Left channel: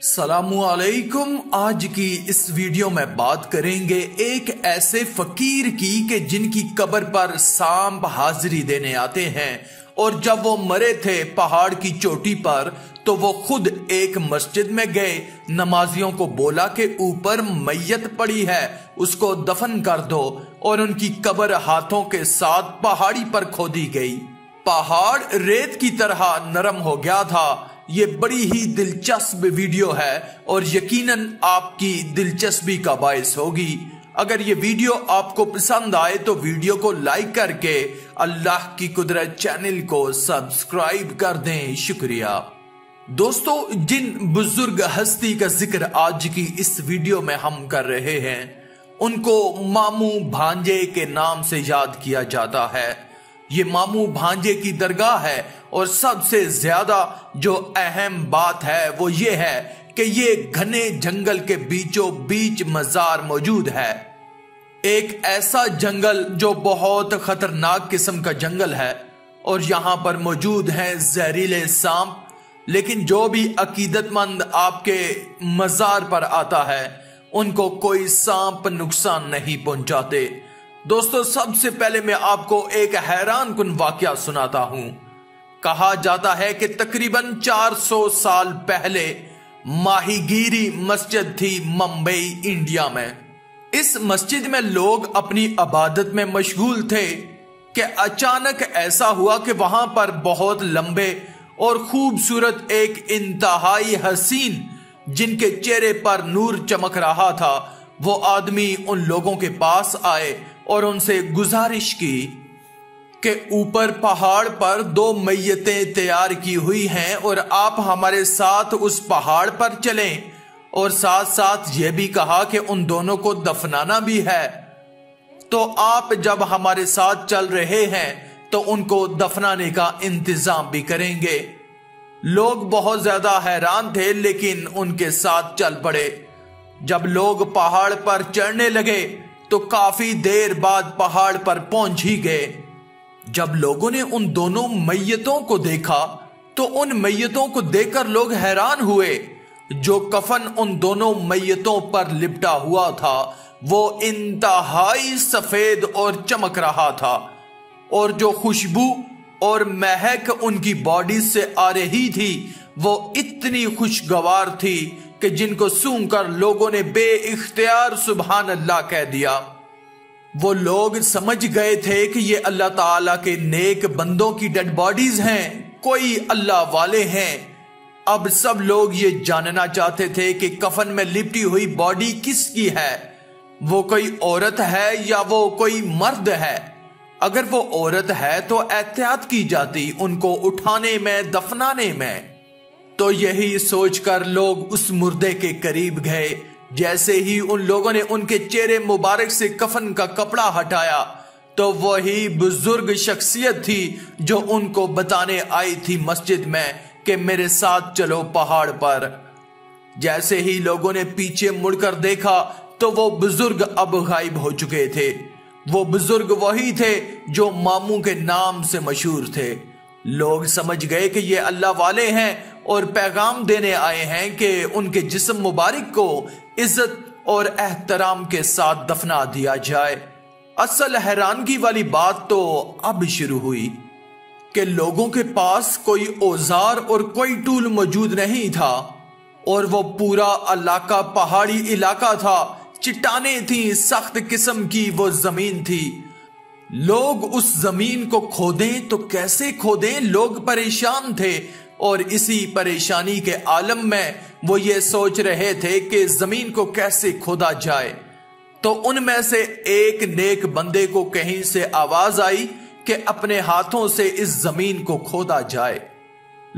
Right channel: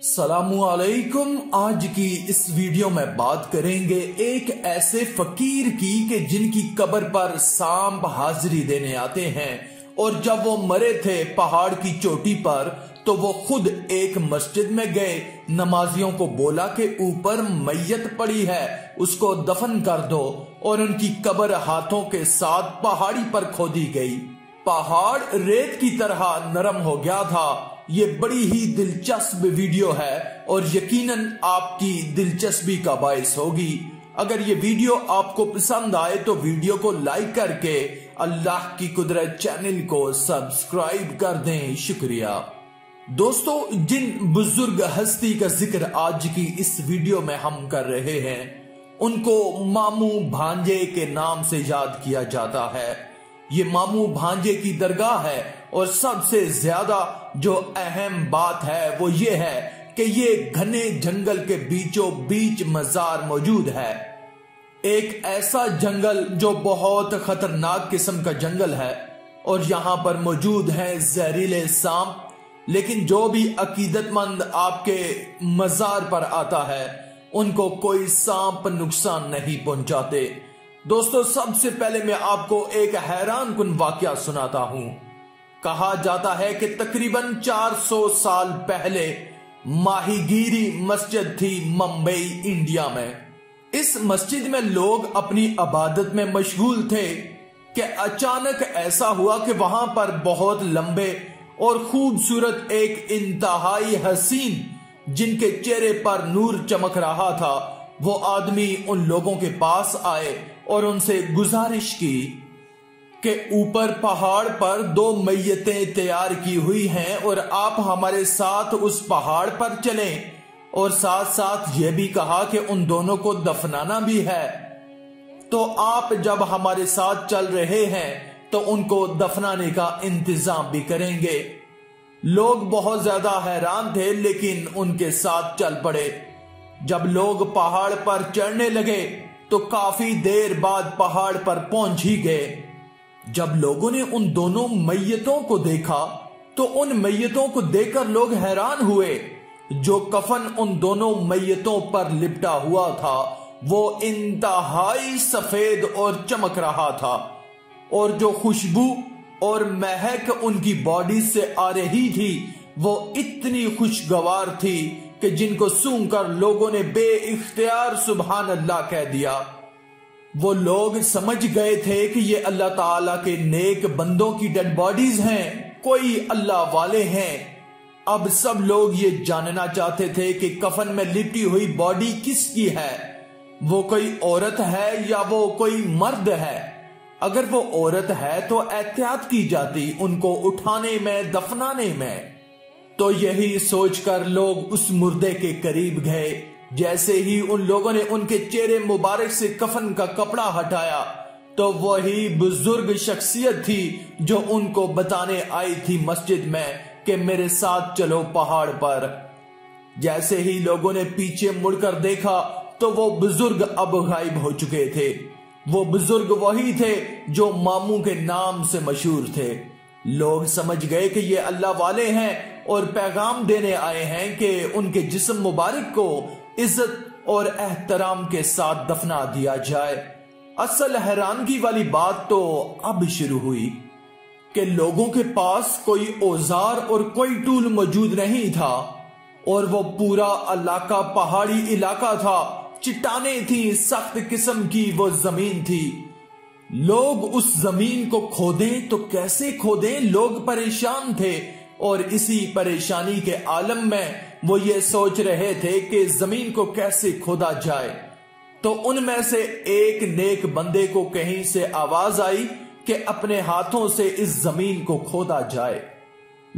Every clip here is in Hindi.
सलामुअलैकुम। आज की इस वीडियो में बात करेंगे एक ऐसे फकीर की कि जिनकी कब्र पर सांप हाजिरी देने आते हैं, और जब वो मरे थे पहाड़ की चोटी पर तो वो खुद एक मस्जिद में गए, नमाजियों को बोला कि ऊपर मैयत पड़ी है, उसको दफन कर दो, और उनकी कब्र हाथों के साथ पहाड़ी पर खोदी गई। पहाड़ रेत की तरह नरम हो गया था। ये बड़ी ही दिलचस्प वीडियो है और यकीनन आपकी दिलचस्पी का बायस होगी। अगर ये वीडियो आपको पसंद आए तो वीडियो को लाइक करके अल्लाह की कुदरत चैनल को सब्सक्राइब कर दें। शुक्रिया। दोस्तों, जिन बुजुर्ग हस्ती का जिक्र आज की इस वीडियो में हम कर रहे हैं, उनको मामू भांजे के नाम से याद किया जाता है। ये मामू भांजे की दरगाह है, और सबसे ज्यादा जो अहम बात है वो ये है कि ये घने जंगल के बीचों बीच मजार मौजूद है। एक ऐसा जंगल जो बहुत खतरनाक किस्म का जंगल है, और यहां पर मौजूद हैं जहरीले सांप। लेकिन जो भी अकीदतमंद आपके मजार पर आता है उनको कोई सांप नुकसान नहीं पहुंचाते। दोस्तों, सबसे पहले मैं आपको एक हैरान कुन वाकया सुनाता हूं। कहा जाता है कि तकरीबन 400 साल पहले माहीगीरी मस्जिद थी मुंबई, इंडिया में। इस मस्जिद में लोग अपनी इबादत में मशगूल थे कि अचानक ऐसा हुआ कि वहां पर बहुत लंबे और खूबसूरत एक इंतहाई हसीन, जिनके चेहरे पर नूर चमक रहा था, वो आदमी उन लोगों के पास आए और उनसे गुजारिश की कि ऊपर पहाड़ पर 2 मैयतें तैयार की हुई हैं और आप हमारे साथ उस पहाड़ पर चलें, और साथ साथ ये भी कहा कि उन दोनों को दफनाना भी है। तो आप जब हमारे साथ चल रहे हैं तो उनको दफनाने का इंतजाम भी करेंगे। लोग बहुत ज्यादा हैरान थे, लेकिन उनके साथ चल पड़े। जब लोग पहाड़ पर चढ़ने लगे तो काफी देर बाद पहाड़ पर पहुंच ही गए। जब लोगों ने उन दोनों मैयतों को देखा तो उन मैयतों को देखकर लोग हैरान हुए। जो कफन उन दोनों मैयतों पर लिपटा हुआ था वो इंतहाई सफेद और चमक रहा था, और जो खुशबू और महक उनकी बॉडी से आ रही थी वो इतनी खुशगवार थी कि जिनको सूंघकर लोगों ने बेइख्तियार सुभान अल्लाह कह दिया। वो लोग समझ गए थे कि ये अल्लाह ताला के नेक बंदों की डेड बॉडीज हैं, कोई अल्लाह वाले हैं। अब सब लोग ये जानना चाहते थे कि कफन में लिपटी हुई बॉडी किसकी है। वो कोई औरत है या वो कोई मर्द है। अगर वो औरत है तो एहतियात की जाती उनको उठाने में, दफनाने में। तो यही सोचकर लोग उस मुर्दे के करीब गए। जैसे ही उन लोगों ने उनके चेहरे मुबारक से कफन का कपड़ा हटाया तो वही बुजुर्ग शख्सियत थी जो उनको बताने आई थी मस्जिद में कि मेरे साथ चलो पहाड़ पर। जैसे ही लोगों ने पीछे मुड़कर देखा तो वो बुजुर्ग अब गायब हो चुके थे। वो बुजुर्ग वही थे जो मामू के नाम से मशहूर थे। लोग समझ गए कि ये अल्लाह वाले हैं और पैगाम देने आए हैं कि उनके जिस्म मुबारक को इज्जत और एहतराम के साथ दफना दिया जाए। असल हैरानगी वाली बात तो अब शुरू हुई कि लोगों के पास कोई औजार और कोई टूल मौजूद नहीं था, और वो पूरा इलाका पहाड़ी इलाका था। चट्टानें थी, सख्त किस्म की वो जमीन थी। लोग उस जमीन को खोदें तो कैसे खोदें, लोग परेशान थे, और इसी परेशानी के आलम में वो ये सोच रहे थे कि जमीन को कैसे खोदा जाए। तो उनमें से एक नेक बंदे को कहीं से आवाज आई कि अपने हाथों से इस जमीन को खोदा जाए।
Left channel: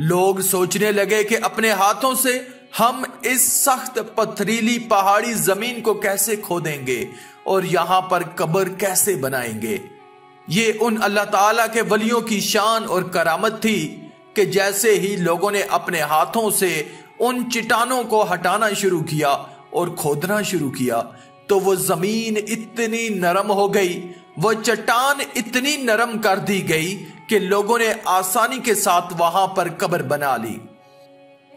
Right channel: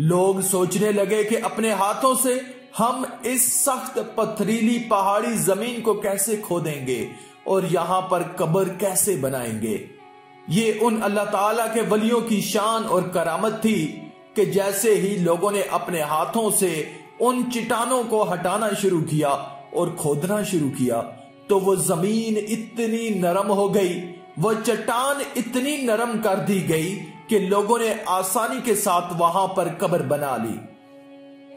लोग सोचने लगे कि अपने हाथों से हम इस सख्त पथरीली पहाड़ी जमीन को कैसे खोदेंगे और यहां पर कब्र कैसे बनाएंगे। ये उन अल्लाह ताला के वलियों की शान और करामत थी कि जैसे ही लोगों ने अपने हाथों से उन चट्टानों को हटाना शुरू किया और खोदना शुरू किया तो वो जमीन इतनी नरम हो गई, वो चट्टान इतनी नरम कर दी गई कि लोगों ने आसानी के साथ वहां पर कब्र बना ली।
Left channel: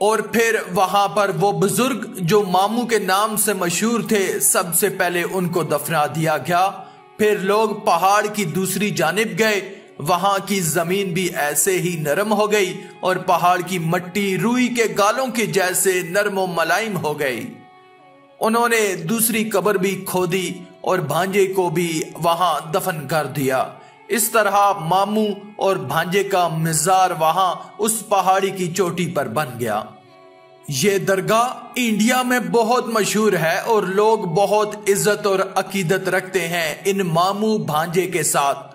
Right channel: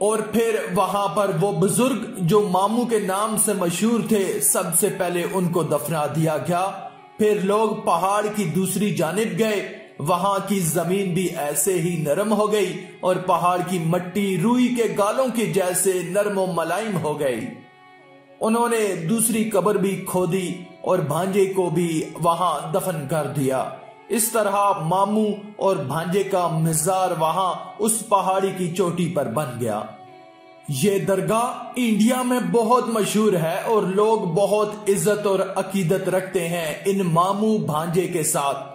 और फिर वहां पर वो बुजुर्ग जो मामू के नाम से मशहूर थे, सबसे पहले उनको दफना दिया गया। फिर लोग पहाड़ की दूसरी जानिब गए। वहां की जमीन भी ऐसे ही नरम हो गई और पहाड़ की मट्टी रुई के गालों के जैसे नरम और मुलायम हो गई। उन्होंने दूसरी कब्र भी खोदी और भांजे को भी वहां दफन कर दिया। इस तरह मामू और भांजे का मजार वहां उस पहाड़ी की चोटी पर बन गया। ये दरगाह इंडिया में बहुत मशहूर है और लोग बहुत इज्जत और अकीदत रखते हैं इन मामू भांजे के साथ।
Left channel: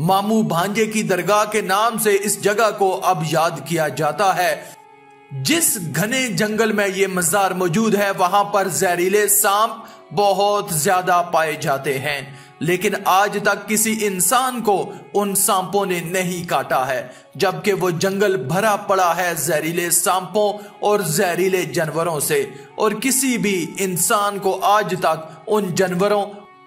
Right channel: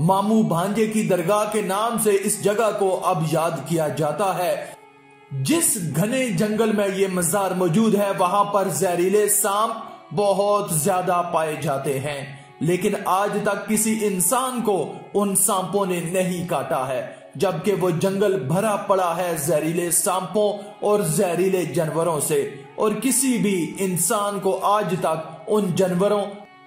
मामू भांजे की दरगाह के नाम से इस जगह को अब याद किया जाता है। जिस घने जंगल में ये मजार मौजूद है, वहां पर जहरीले सांप बहुत ज्यादा पाए जाते हैं, लेकिन आज तक किसी इंसान को उन सांपों ने नहीं काटा है, जबकि वो जंगल भरा पड़ा है जहरीले सांपों और जहरीले जानवरों से, और किसी भी इंसान को आज तक उन जानवरों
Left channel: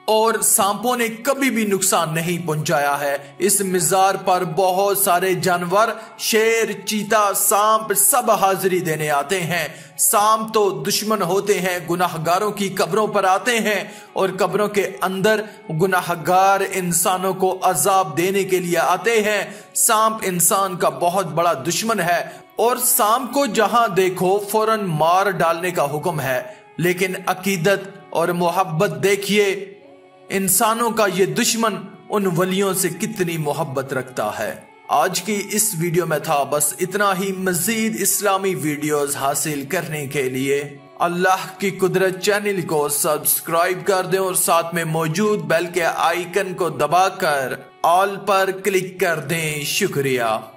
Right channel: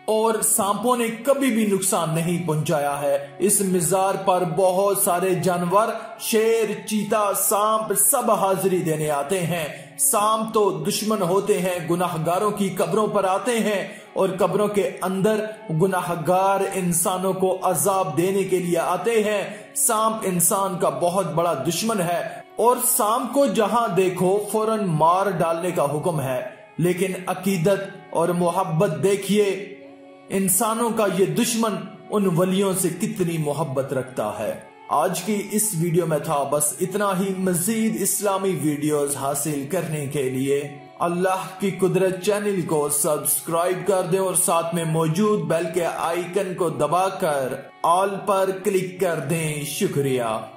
और सांपों ने कभी भी नुकसान नहीं पहुंचाया है। इस मजार पर बहुत सारे जानवर, शेर, चीता, सांप सब हाजिरी देने आते हैं। सांप तो दुश्मन होते हैं, गुनाहगारों की कब्रों पर आते हैं और कब्रों के अंदर गुनाहगार इंसानों को अजाब देने के लिए आते हैं। सांप इंसान का बहुत बड़ा दुश्मन है और सांप को जहां देखो फौरन मार डालने का हुक्म है, लेकिन अकीदत और मोहब्बत देखिए, इंसानों का ये दुश्मन उन वलियों से कितनी मोहब्बत रखता है। आज की इस वीडियो में था बस इतना ही। मजीद इस्लामी वीडियोस हासिल करने के लिए अल्लाह की कुदरत चैनल को सब्सक्राइब कर दें और साथ में मौजूद बेल के आइकन को दबाकर ऑल पर क्लिक कर दें। शुक्रिया।